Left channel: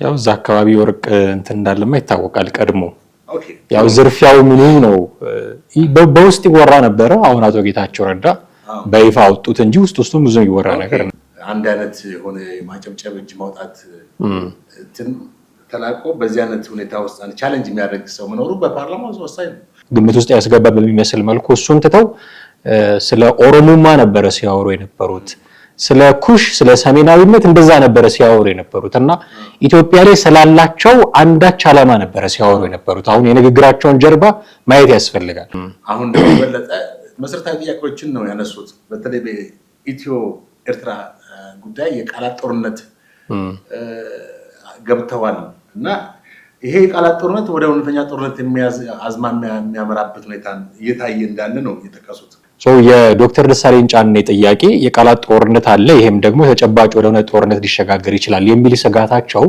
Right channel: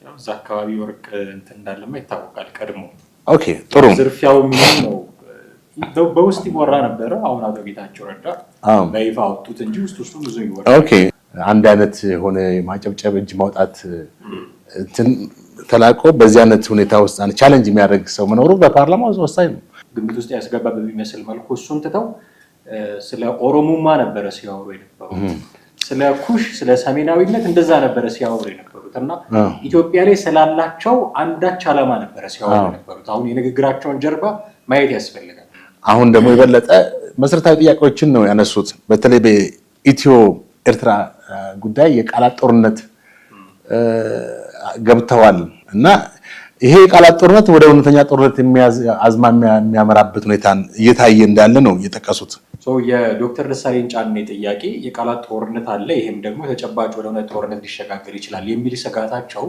ያው እዛ አካባቢ ወርቅ እንትን እንዳለማ ይታወቃል ቀድሞ። ኦኬ ያው ዝርፊያው ምንም ነው በውስጥ ይወራ ነበር። አሁን አቶ ጌታቸው ረዳ በይፋ አወጡት እንጂ ውስጡም ብዙ ይወራ ነበር። ኦኬ አንድ አይነት ሆነ ማጨብጨብ እጅ ማውጣት እንትን ተላቆ በዚህ አይነት ሁኔታ ውስጥ ቻሌንጅ የሚያደርግ ሰው መኖሩ በፓርላማው ወሳኝ ነው። ግምት ውስጥ ያስገባ በሚመስል መልኩ እሱን ትተው ስለ ኦሮሞማ ነበር ሲያወሩ የነበሩት። ስለ ኩሽ ስለ ሰሜናዊነት እንደዛ ነበር ሲያወሩ የነበሩት እና ኢትዮጵያ ላይ ስላላቸው አንዳች ዓላማ ነበር ሲያወሩ የነበሩት። አሁን የንግግራቸውን ጀርባ ማየት ያስፈልጋል። አሁን ደግሞ የበለጠ መሰረታዊ ጥያቄዎችን ነው ያነሱት። በተለይ በኢትዮ ኤርትራ ጉዳይ የቃላት ጦርነት ገብተዋል እና ይሄ የቃላት ጦርነት ወደ እውነተኛ ጦርነት አዝማሚያ የሚያመራበት ሁኔታን እየታየ እንዳለ ነው የጠቀሱት። የዶክተር ደሳለኝ ጫኔ ጥያቄ የቃላት ጦርነት አለ፣ ይሄም ደግሞ ተጨባጭ ወደ ጦርነት ሊሸጋገር ይችላል የሚል ስጋታቸው